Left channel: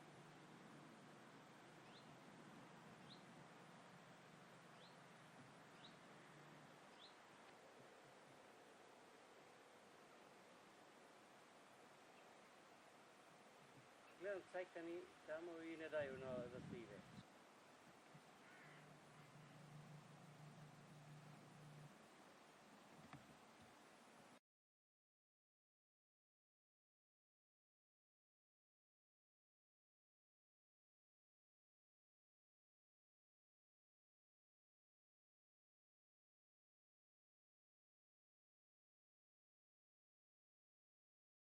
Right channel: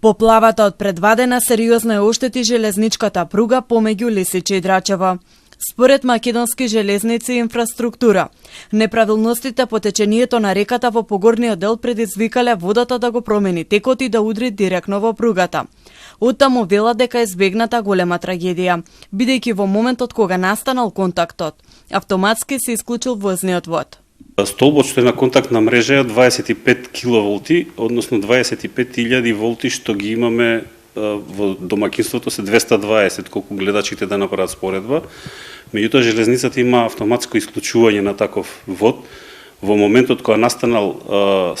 Поплавата од Предвадена сериозно ја оштети железничката пруга помеѓу Лисиче и Драчево. Според Македонски железници и инфраструктура, неправилностите по течението на реката во погорниот дел предизвикале водата да го промени текот и да удри директно во пругата. Оттаму велат дека избегната голема трагедија, бидејќи во моментот кога настанал контактот, автоматски се исклучил возниот вод. Столбот што е на контактна мрежа е 25 киловолти, односно 25.000 волти што ги имаме во домакинството се 220, колку гледачите да направат споредба. Меѓутоа железницата има автоматско исклучување на таков вод. Во моментот кога настанал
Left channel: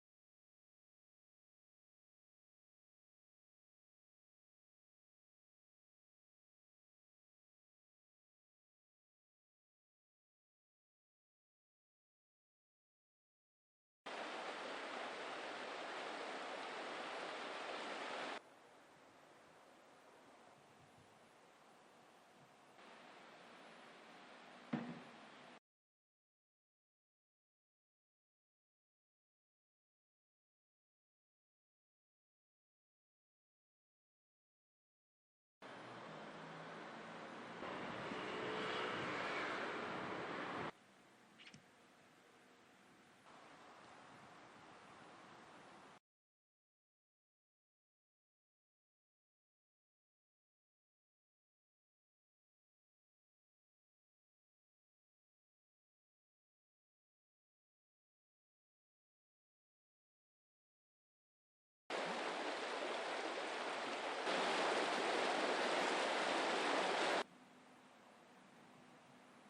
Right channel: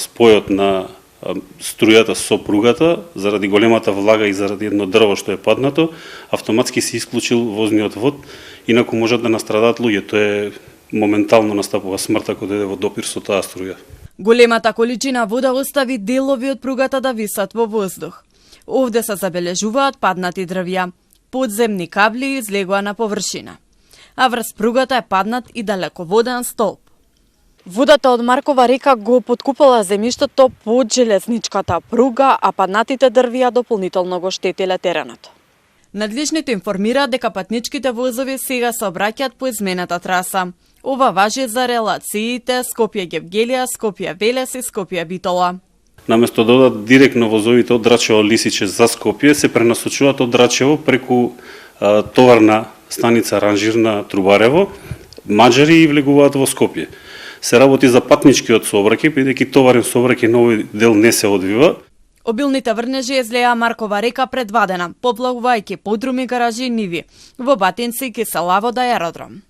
спојот на струјата со пругата, заради големата влага и заради едно дрво што е паднато, автоматски се исклучил возниот вод, инаку можат да настрадат луѓе. Тоа е моментално настапува смрт ако дојде во допир со таа струја. Големата количина вода остави делови од пругата да висат во воздух. Овде се забележуваат паднати дрвја, подземни кабли излегоа на површина. А врз пругата е паднат и далеководен столб. Водата од Маркова река го поткупала земјиштето под железничката пруга, а паднатите дрвја дополнително го штетиле теренот. Надлежните информираат дека патничките возови сега се обраќаат по измената траса. Ова важи за релациите Скопје-Гевгелија, Скопје-Велес и Скопје-Битола. Наместо да одат директно возовите од Драчево-Лисиче за Скопје, се пренасочуваат од Драчево преку товарна станица Ранжирна Трубарево, Маџари и влегуваат во Скопје. Се работи за патничкиот сообраќај, бидејќи товарен сообраќај на овој дел не се одвива. Обилните врнежи излеа Маркова река Предвадена, поплавувајќи подруми, гаражи и ниви, во Батинци, Киселавода и аеродром.